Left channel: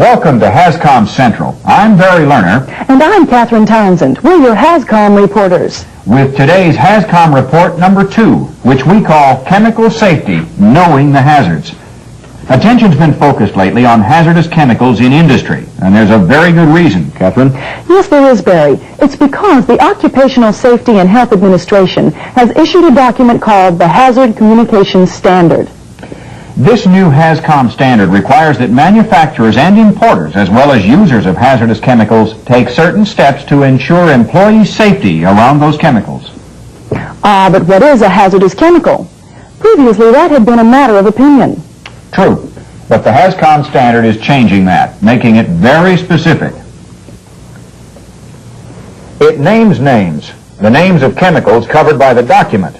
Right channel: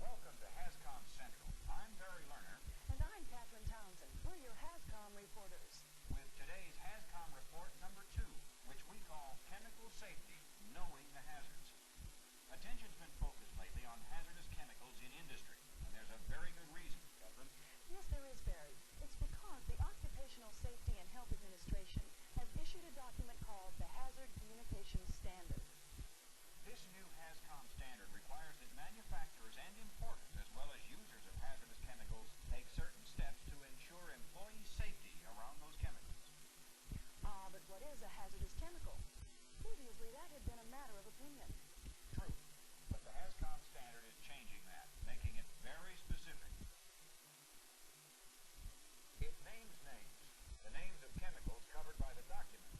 Welcome to HAZCOM Central. I'm Barry Lerner. And I'm Catherine Townsend. We're your HAZCOM reporters. With today's HAZCOM report number 2, which we call Chemical Safety, Knowing the Hazards. Attention's been focused lately on hazardous chemicals in industry, and there's a very good reason, Catherine. Yes, there is, Barry. It's because the Occupational Safety and Health Administration has issued a document called the Hazard Communications Standard. This new HAZCOM standard requires that manufacturers and importers, as well as users of hazardous chemicals, take certain steps to ensure employee safety around those chemicals. But what is a hazardous chemical? Previously, that had been a matter of opinion. True, but the HAZCOM standard is changing that, making it very specific. It names the names of chemicals covered by the document.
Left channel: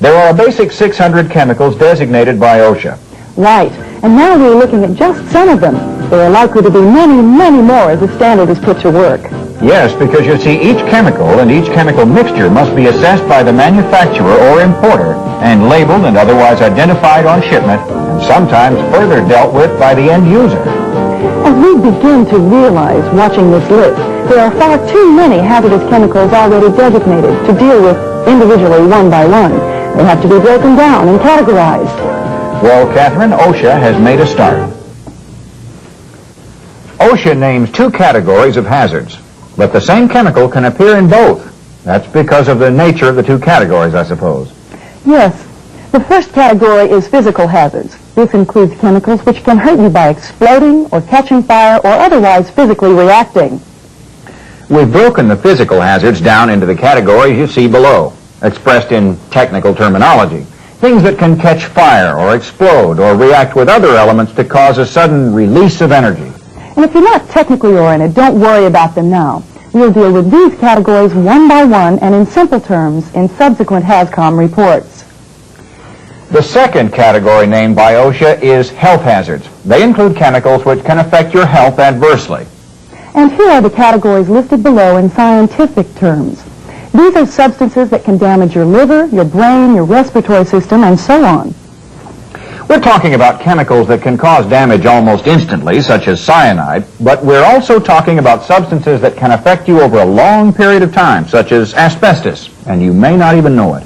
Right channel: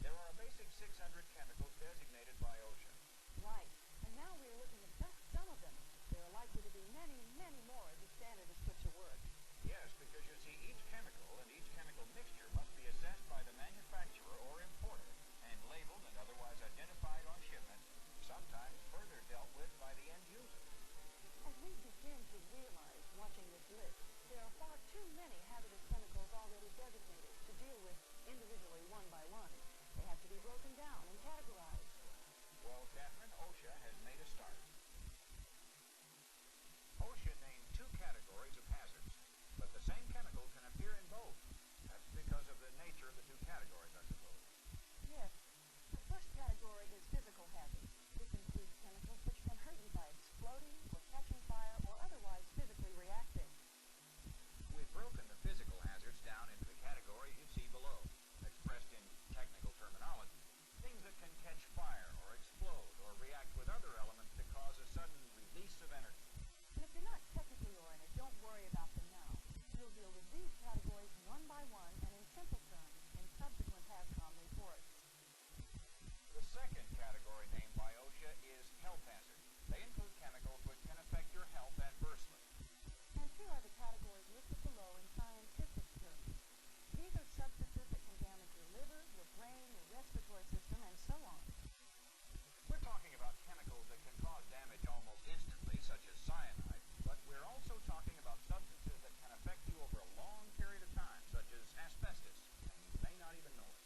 There are a basic 600 chemicals designated by OSHA. Right, and now we're looking at just some of them. There are likely to be many, many more as the standard is put to work. Yes, because you see, each chemical and each chemical mixture must be assessed by the manufacturer or importer and labeled and otherwise identified on shipment, and sometimes further dealt with by the end user. As we begin to realize, watching this list, there are far too many hazardous chemicals already designated to deal with individually one by one. They have to be broken down and categorized. Well, Catherine, OSHA has made a start. OSHA names 2 categories of hazards, but the same chemical can appear in both. That's because of the nature of the 2 categories, I suppose. Yes. The first category is physical hazards. This includes chemicals which can hurt you by exploding or catching fire or otherwise physically reacting. We've broken the physical hazards down into the categories you see below, expressed in technical terminology. Things that can catch fire or explode or react with other elements to cause a sudden release of energy. And if you're not technically oriented, don't worry about them now. We'll deal with these categories one by one and in simple terms in subsequent HAZCOM reports. The second category named by OSHA is health hazards. They include chemicals which can affect your health adversely. And here are the categories listed below in scientific terms. These are substances that can damage your liver, your brain, your respiratory system, and so on. We're talking about chemicals that can cause damage almost instantly, such as cyanide, but we're also talking about substances that can affect you over a long period of time, such as asbestos, and you may not even know it.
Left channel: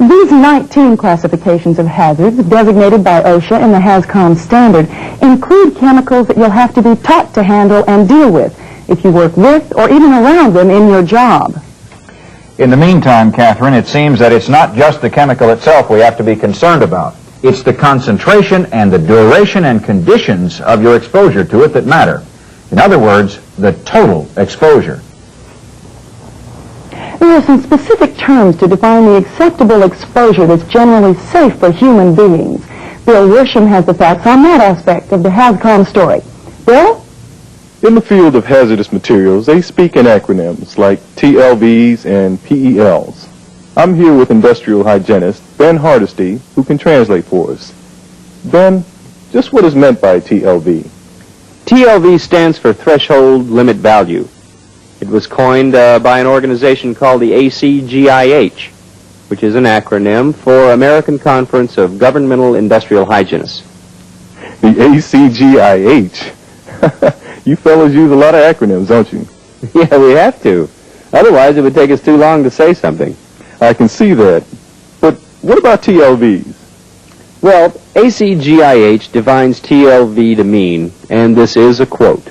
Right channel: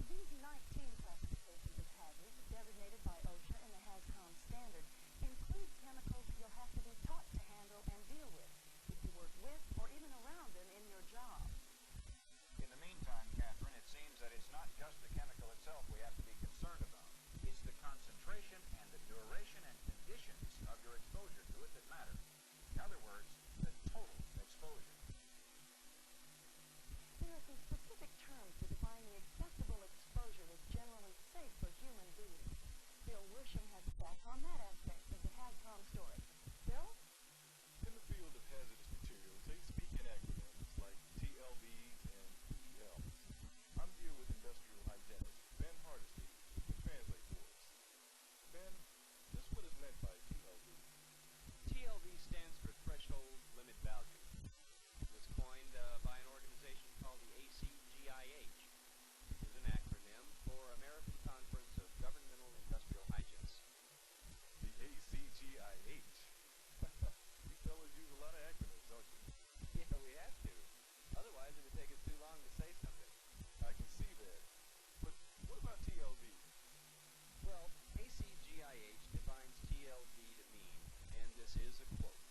These 19 classifications of hazards designated by OSHA in the HAZCOM standard include chemicals that you'll have to be taught to handle and deal with if you work with or even around them in your job. In the meantime, Catherine, it seems that it's not just the chemical itself we have to be concerned about. It's the concentration and the duration and conditions of your exposure to it that matter. In other words, the total exposure. There are some specific terms to define the acceptable exposure that's generally safe for human beings. Bill Worsham has the facts on that aspect of the HAZCOM story. Bill? In the field of hazardous materials, they speak in acronyms like TLVs and PELs. I'm here with industrial hygienist Ben Hardesty, who can translate for us. Ben, just what is meant by TLV? TLV stands for Threshold Limit Value. It was coined by an organization called the EGY-SAFE, which is an acronym for American Conference of Governmental Industrial Hygienists. The EGY-SAFE. You fellows use a lot of acronyms, don't you? Yeah, we have to. Otherwise, it would take us too long to say something. I can see that. But what about TLVs? Well, EGY-SAFE defines TLV to mean, and this is a quote,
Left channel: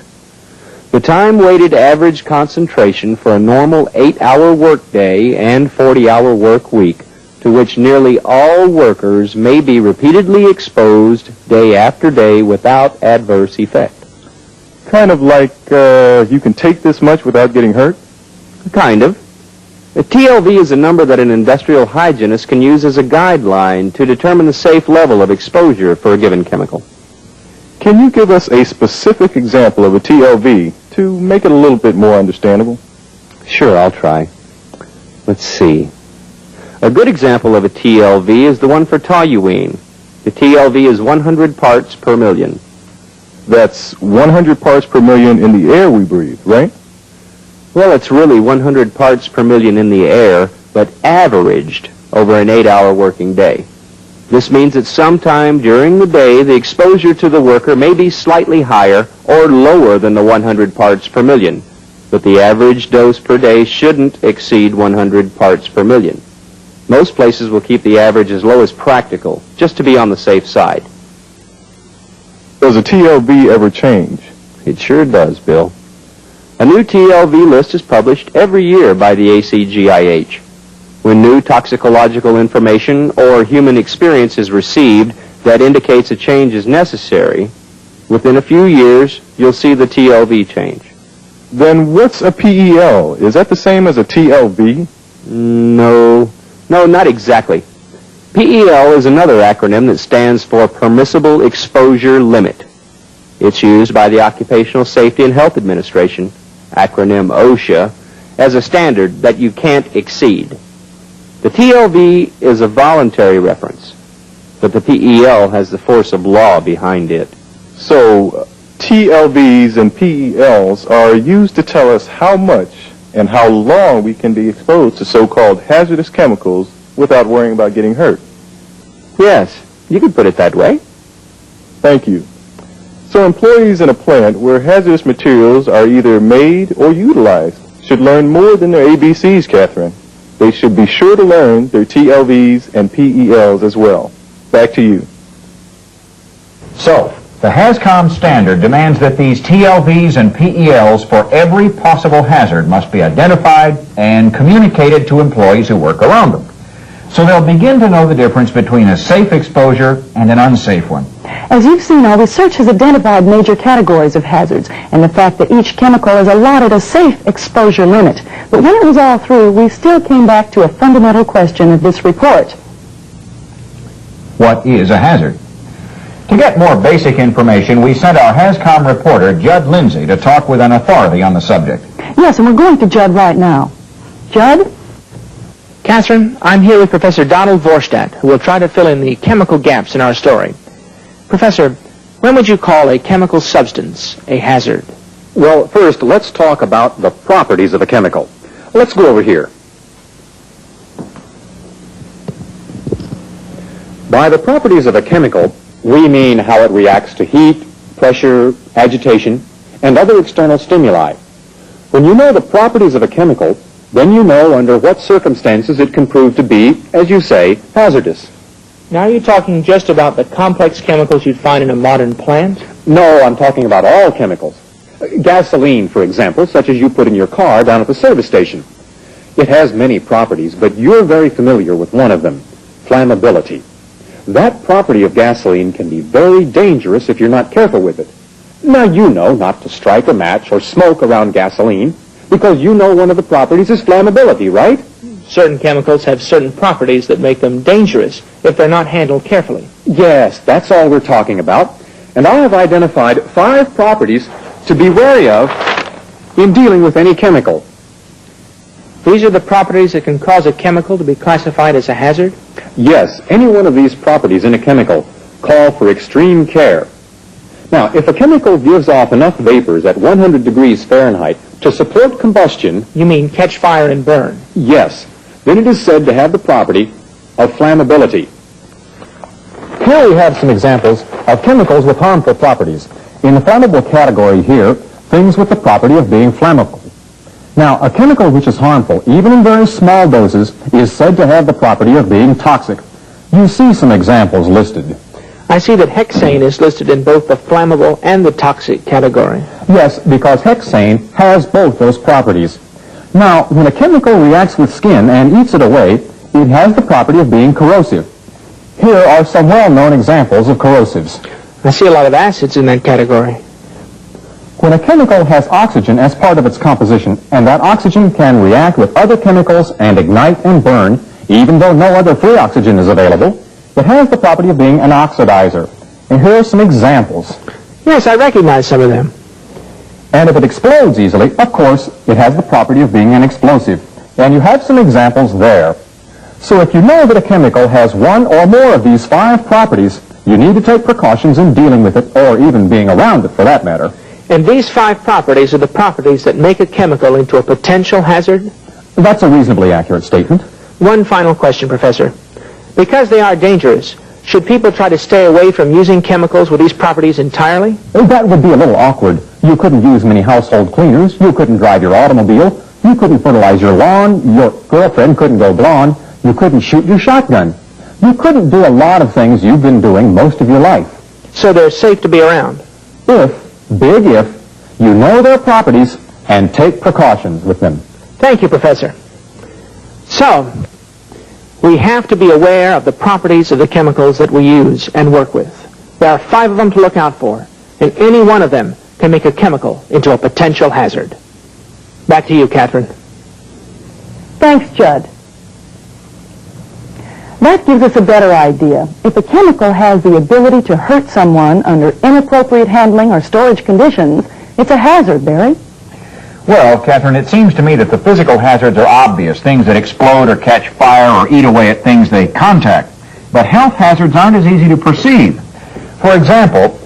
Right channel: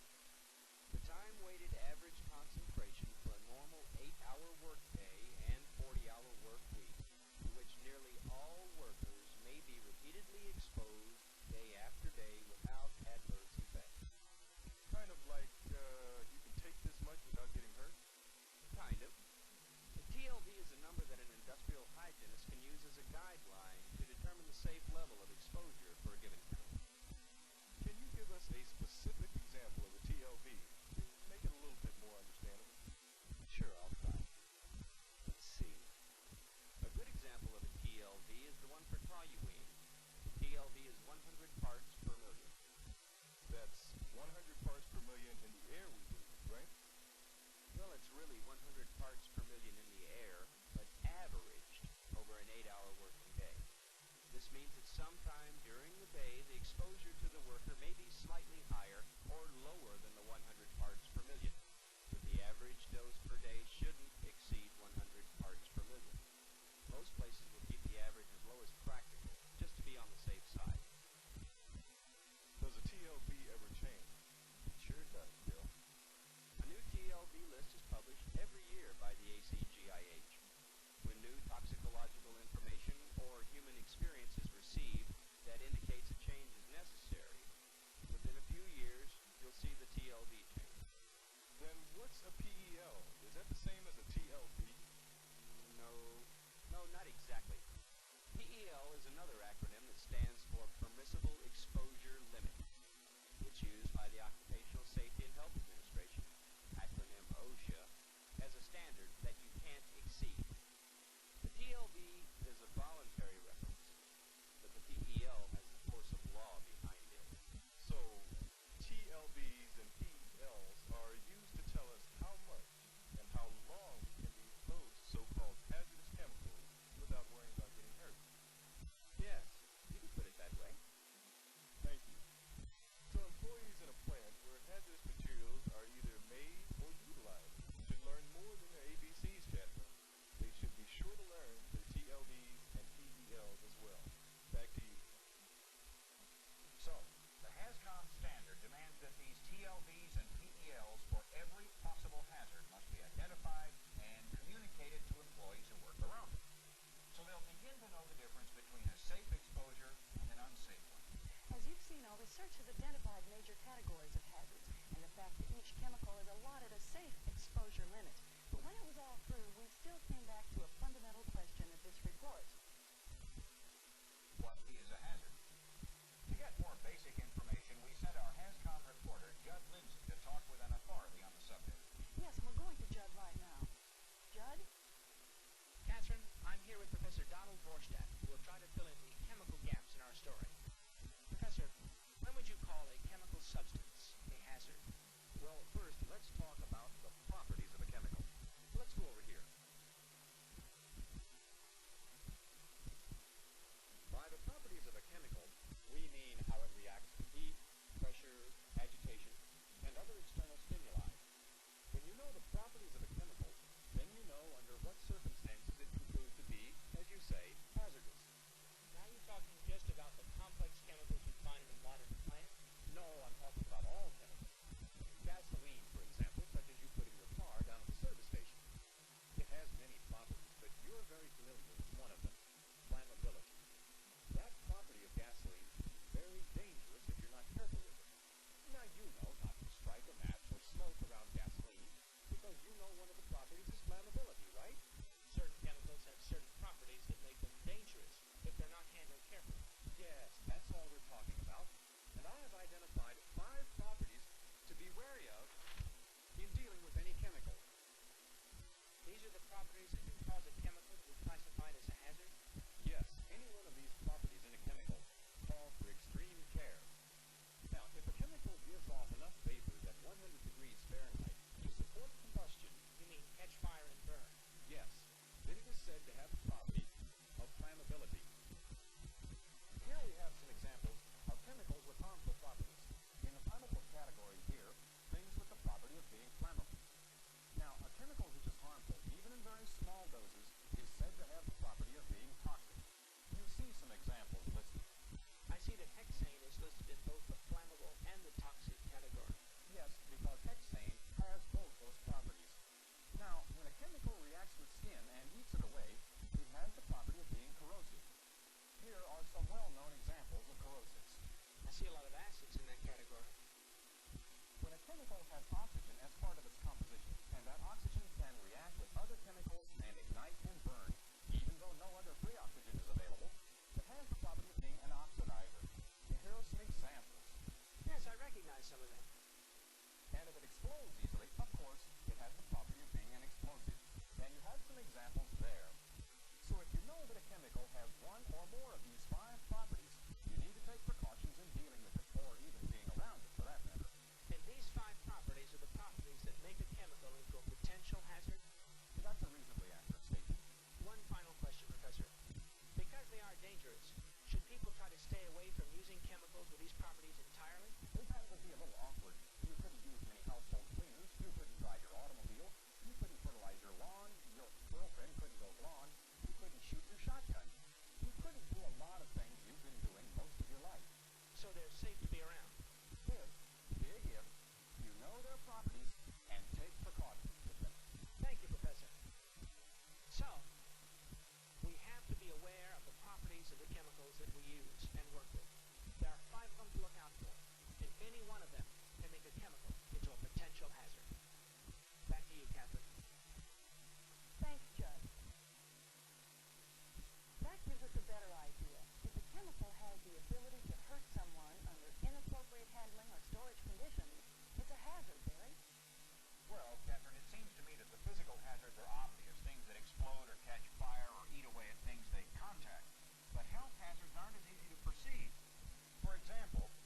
the time-weighted average concentration for a normal 8-hour workday and 40-hour work week to which nearly all workers may be repeatedly exposed day after day without adverse effect. Kind of like you can take this much without getting hurt? Kind of. The TLV is a number that an industrial hygienist can use as a guideline to determine the safe level of exposure for a given chemical. Can you give us a specific example of a TLV to make it a little bit more understandable? Sure, I'll try. Let's see. A good example of a TLV is the one for toluene. The TLV is 100 parts per million. That's 100 parts per million in the air we breathe, right? Well, it's really 100 parts per million in the air, but averaged over an 8-hour working day. This means that sometime during the day, the exposure to the worker may be slightly higher or lower than the 100 parts per million, but the average dose per day shouldn't exceed 100 parts per million. Most places will keep the average as low as practical, just to be on the safe side. Does a TLV ever change? It sure does, Bill. A new TLV list is published every year by the EGY-SAFE. When new toxicological information or human experience is received that indicates a change is necessary, within a few years, you'll see the TLV change. Then what's a PEL? Is that the same as a TLV? No, not exactly. PEL is another acronym that stands for Permissible Exposure Limit. It's used by the Occupational Safety and Health Administration, acronym OSHA, as a standard that you can't exceed. The TLV is a voluntary reference, but the PEL has the force of law behind it. So TLVs and PELs are used to tell us how much and how long we can be exposed to so-called hazardous chemicals without worrying about getting hurt. Yes, you could put it that way. Thank you. So employees in a plant where hazardous materials are either made or utilized should learn more than their ABCs, Catherine. They should be sure to learn their TLVs and PELs as well. Back to you. So, the HAZCOM standard demands that these TLVs and PELs for every possible hazard must be identified and communicated to employees who work around them. So they'll begin to know the difference between a safe exposure and an unsafe one. As you've seen, our research has identified major categories of hazards and the fact that each chemical is allotted a safe exposure limit. But when it was all through, we still came back to a fundamental question of this report. What is a hazard? To get more basic information, we sent our HAZCOM reporter, Judd Lindsay, to talk with an authority on the subject. Yes, and we're going to Judd right now. Judd? Catherine, I'm here with Professor Donald Vorstadt, who will try to fill in the chemical gaps in our story. Professor, when would you call a chemical substance a hazard? Well, first, let's talk about the properties of a chemical. Let's go over here. By the properties of a chemical, we mean how it reacts to heat, pressure, agitation, and other external stimuli. When you know the properties of a chemical, then you know under what circumstances it can prove to be, as you say, hazardous. Now, are you talking just about the complex chemicals you'd find in a modern plant? No, I'm talking about all chemicals. Gasoline, for example, such as you put in your car down at the service station. It has many properties, but you're very familiar with one of them, flammability. That property of gasoline can be very dangerous if you're not careful with it. Now, you know not to strike a match or smoke around gasoline because you know one of the properties is flammability, right? Certain chemicals have certain properties that make them dangerous if they're not handled carefully. Yes, that's all we're talking about. And I have identified 5 properties to be wary of in dealing with any chemical. These are the properties that can cause a chemical to be classified as a hazard? Yes, any one of these properties in a chemical call for extreme care. Now, if a chemical gives off enough vapors at 100 degrees Fahrenheit to support combustion, You mean catch fire and burn? yes, then it is said to have the property of flammability. Here we have some examples of chemicals with harmful properties. In the flammable category here, things with the property of being flammable. Now, a chemical which is harmful, even in very small doses, is said to have the property of being toxic. You see some examples listed. I see that hexane is listed in both the flammable and the toxic category. Yes, because hexane has both those properties. Now, when a chemical reacts with skin and eats it away, it has the property of being corrosive. Here are some well-known examples of corrosives. I see a lot of acids in that category. When a chemical has oxygen as part of its composition, and that oxygen can react with other chemicals and ignite and burn, even though no other free oxygen is available, it has the property of being an oxidizer. And here are some examples. Yes, I recognize some of them. And if it explodes easily, of course, it has the property of being an explosive. And you have some examples there. So if you know that a chemical has one or more of these 5 properties, you need to take precautions in dealing with it, or even being around it for that matter. And these 5 properties are the properties that make a chemical into a potential hazard? That's a reasonably accurate statement. One final question, Professor. Because they are dangerous, Should people try to stay away from using chemicals with these properties entirely? That would be a little awkward. You couldn't use many household cleaners. You couldn't drive your automobile. You couldn't fertilize your lawn. Your girlfriend couldn't go blonde. You couldn't shoot your shotgun. You couldn't do a lot of things you've been doing most of your life. So they're safe to be around? If, big if, you know their properties and take precautions with them. Thank you, Professor. So, we have to be aware of the properties of the chemicals that we use and work with. There are 5 of them to look out for, and any one of them can make a chemical into a potential hazard. Back to you, Catherine. Thanks, Judd. That gives us a better idea. If a chemical has the ability to hurt someone under inappropriate handling or storage conditions, it's a hazard, Barry. Well, Catherine, it seems to me that the physical hazards are obvious, things that explode or catch fire or eat away at things they contact. But health hazards aren't as easy to perceive. For example,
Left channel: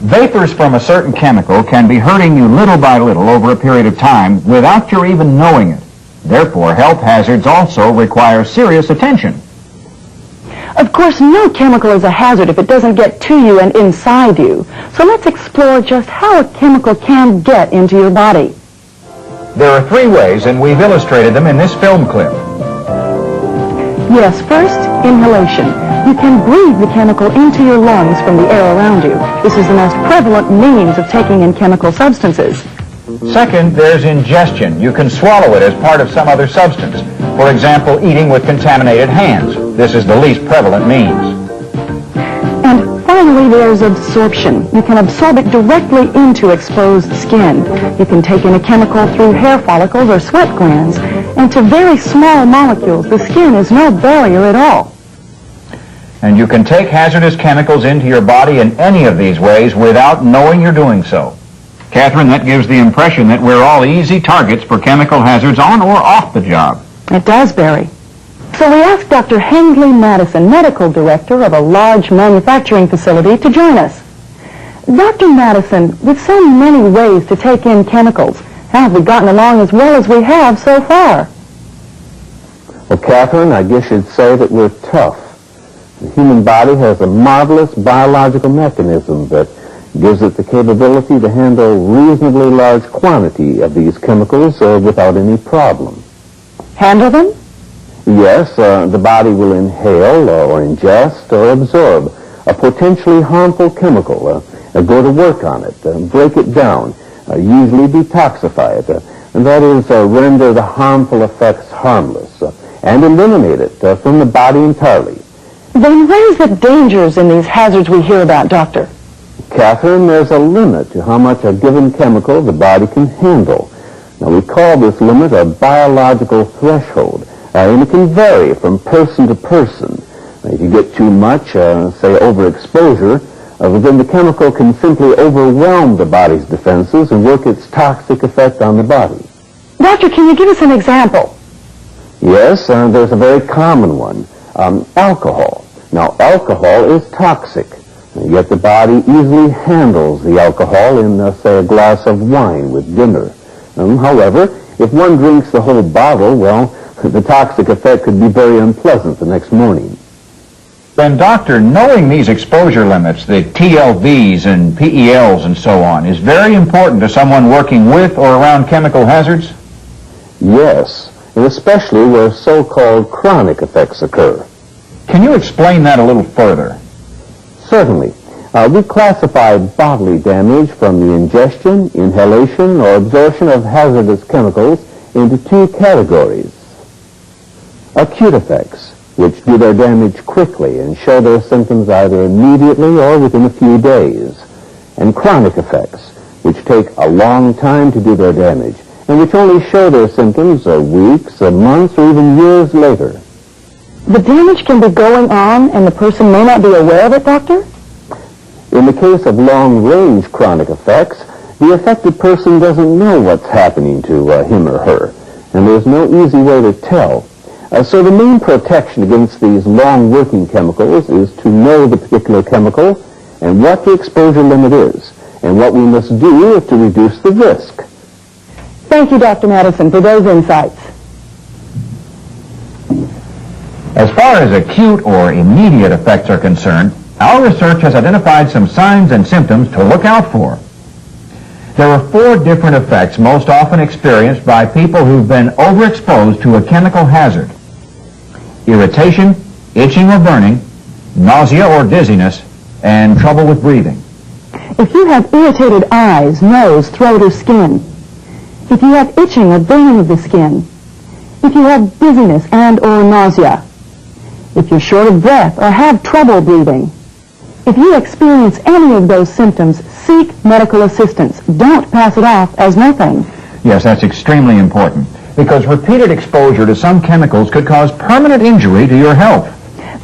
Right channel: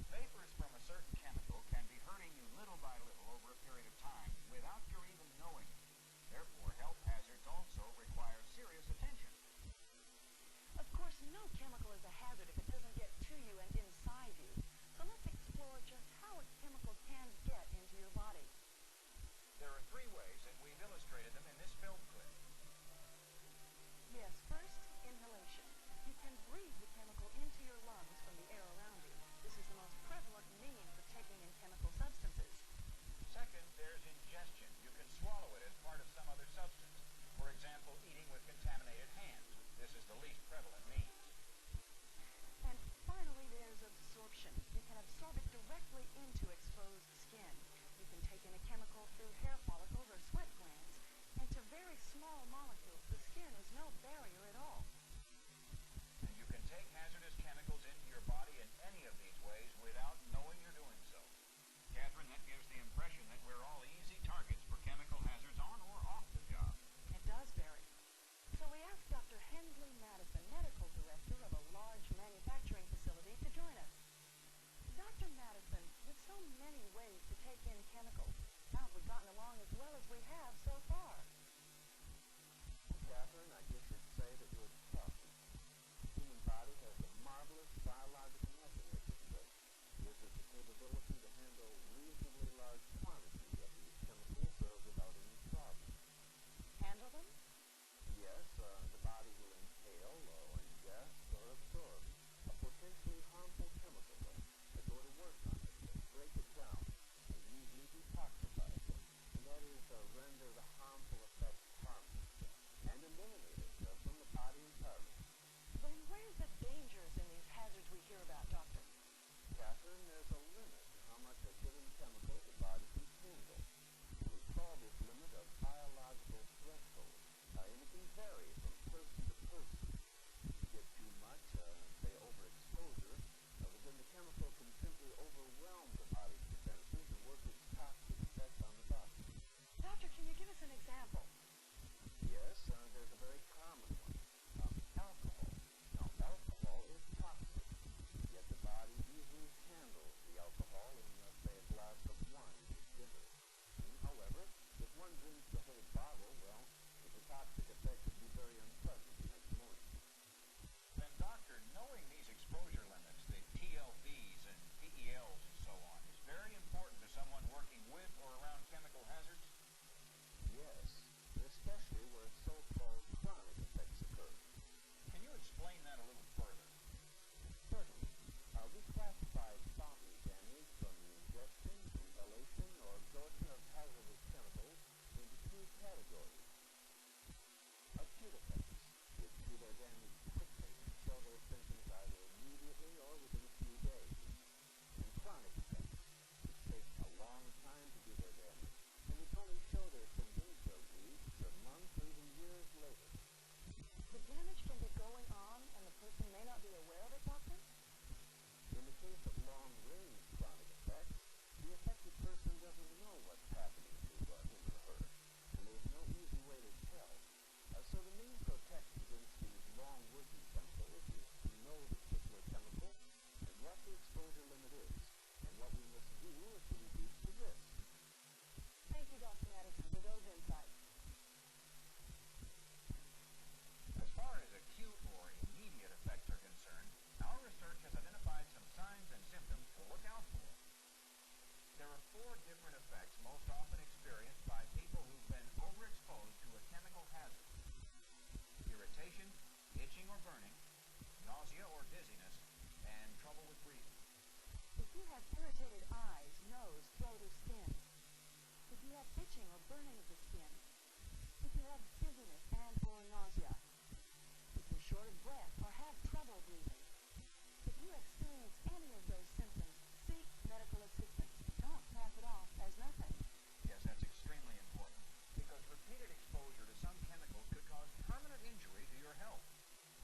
vapors from a certain chemical can be hurting you little by little over a period of time without your even knowing it. Therefore, health hazards also require serious attention. Of course, no chemical is a hazard if it doesn't get to you and inside you. So let's explore just how a chemical can get into your body. There are 3 ways, and we've illustrated them in this film clip. Yes, first, inhalation. You can breathe the chemical into your lungs from the air around you. This is the most prevalent means of taking in chemical substances. Second, there's ingestion. You can swallow it as part of some other substance. For example, eating with contaminated hands. This is the least prevalent means. And finally, there's absorption. You can absorb it directly into exposed skin. You can take in a chemical through hair follicles or sweat glands. And to very small molecules, the skin is no barrier at all. And you can take hazardous chemicals into your body in any of these ways without knowing you're doing so. Catherine, that gives the impression that we're all easy targets for chemical hazards on or off the job. It does, Barry. So we asked Dr. Hindley Madison, medical director of a large manufacturing facility, to join us. Dr. Madison, with so many ways to take in chemicals, how have we gotten along as well as we have so far? Well, Catherine, I guess you'd say that we're tough. The human body has a marvelous biological mechanism that gives it the capability to handle reasonably large quantity of these chemicals without any problem. Handle them? Yes, the body will inhale or ingest or absorb a potentially harmful chemical, go to work on it, break it down, usually detoxify it, and that is render the harmful effects harmless, and eliminate it from the body entirely. Then where's the dangers in these hazards we hear about, Doctor? Catherine, there's a limit to how much a given chemical the body can handle. Now, we call this limit a biological threshold, and it can vary from person to person. If you get too much, say overexposure, then the chemical can simply overwhelm the body's defenses and work its toxic effect on the body. Doctor, can you give us an example? Yes, there's a very common one, alcohol. Now, alcohol is toxic, yet the body easily handles the alcohol in, say, a glass of wine with dinner. However, if one drinks the whole bottle, well, the toxic effect could be very unpleasant the next morning. Then, Doctor, knowing these exposure limits, the TLVs and PELs and so on, is very important to someone working with or around chemical hazards? Yes, and especially where so-called chronic effects occur. Can you explain that a little further? Certainly. We classify bodily damage from the ingestion, inhalation, or absorption of hazardous chemicals into 2 categories. Acute effects, which do their damage quickly and show their symptoms either immediately or within a few days. And chronic effects, which take a long time to do their damage, and which only show their symptoms weeks, months, or even years later. The damage can be going on and the person may not be aware of it, Doctor? In the case of long-range chronic effects, the affected person doesn't know what's happening to him or her, and there's no easy way to tell. So the main protection against these long-working chemicals is to know the particular chemical and what the exposure limit is, and what we must do to reduce the risk. Thank you, Dr. Madison, for those insights. As far as acute or immediate effects are concerned, our research has identified some signs and symptoms to look out for. There are 4 different effects most often experienced by people who've been overexposed to a chemical hazard: irritation, itching or burning, nausea or dizziness, and trouble with breathing. If you have irritated eyes, nose, throat, or skin, if you have itching or burning of the skin, if you have dizziness and or nausea, if you're short of breath or have trouble breathing, if you experience any of those symptoms, seek medical assistance. Don't pass it off as nothing. Yes, that's extremely important, because repeated exposure to some chemicals could cause permanent injury to your health.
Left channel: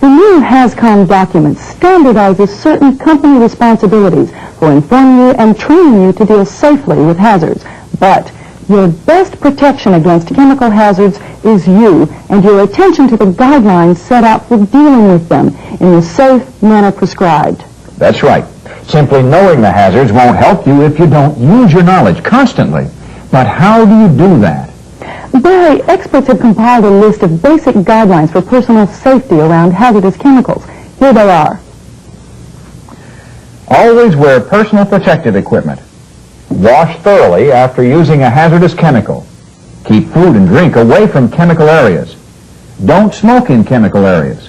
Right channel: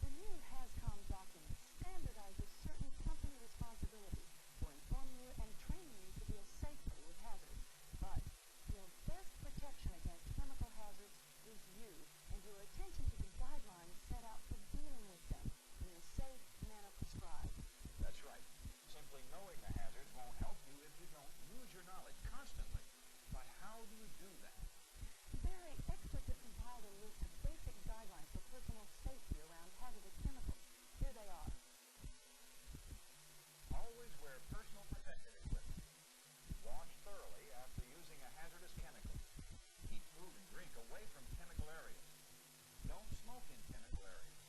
The new HAZCOM document standardizes certain company responsibilities for informing you and training you to deal safely with hazards. But your best protection against chemical hazards is you and your attention to the guidelines set out for dealing with them in the safe manner prescribed. That's right. Simply knowing the hazards won't help you if you don't use your knowledge constantly. But how do you do that? Barry, experts have compiled a list of basic guidelines for personal safety around hazardous chemicals. Here they are. Always wear personal protective equipment. Wash thoroughly after using a hazardous chemical. Keep food and drink away from chemical areas. Don't smoke in chemical areas.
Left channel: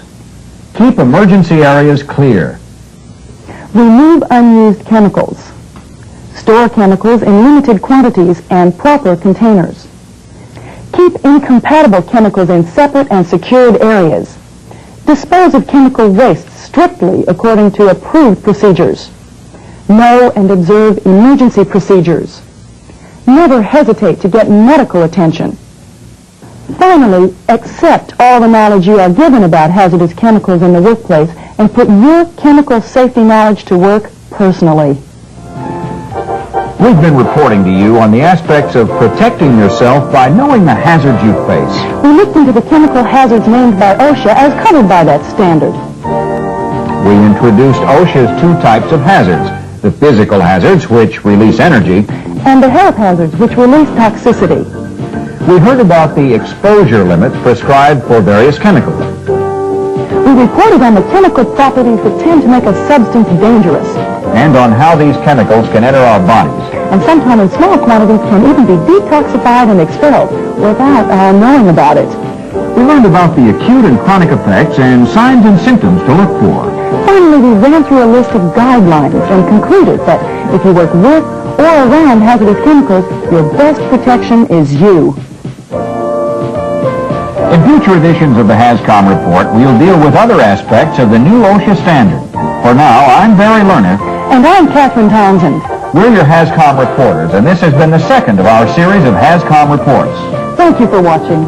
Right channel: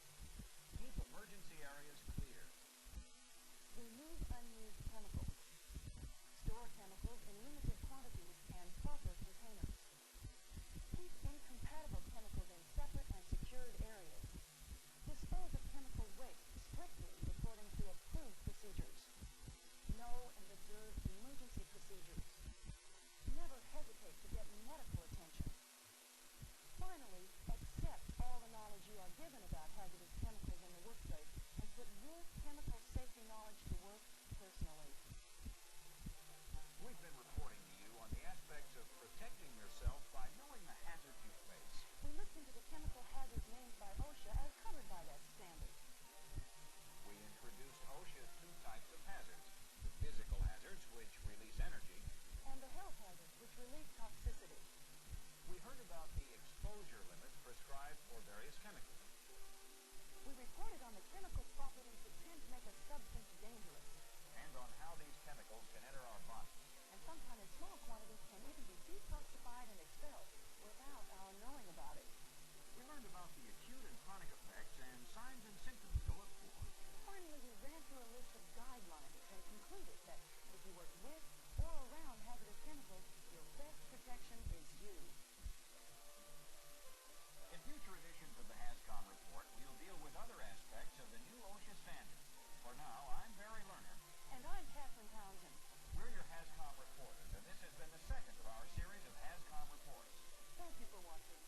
Keep emergency areas clear. Remove unused chemicals. Store chemicals in limited quantities and proper containers. Keep incompatible chemicals in separate and secured areas. Dispose of chemical waste strictly according to approved procedures. Know and observe emergency procedures. Never hesitate to get medical attention. Finally, accept all the knowledge you are given about hazardous chemicals in the workplace and put your chemical safety knowledge to work personally. We've been reporting to you on the aspects of protecting yourself by knowing the hazards you face. We looked into the chemical hazards named by OSHA as covered by that standard. We introduced OSHA's 2 types of hazards: the physical hazards, which release energy, And the health hazards, which release toxicity. we heard about the exposure limits prescribed for various chemicals. We reported on the chemical properties that tend to make a substance dangerous, And on how these chemicals can enter our bodies. and sometimes in small quantities can even be detoxified and expelled without our knowing about it. We learned about the acute and chronic effects and signs and symptoms to look for. Finally, we ran through a list of guidelines and concluded that if you work with or around hazardous chemicals, your best protection is you. In future editions of the HAZCOM report, we'll deal with other aspects of the new OSHA standard. For now, I'm Barry Lerner. And I'm Catherine Townsend. We're your HAZCOM reporters, and this has been the second of our series of HAZCOM reports. Thank you for watching.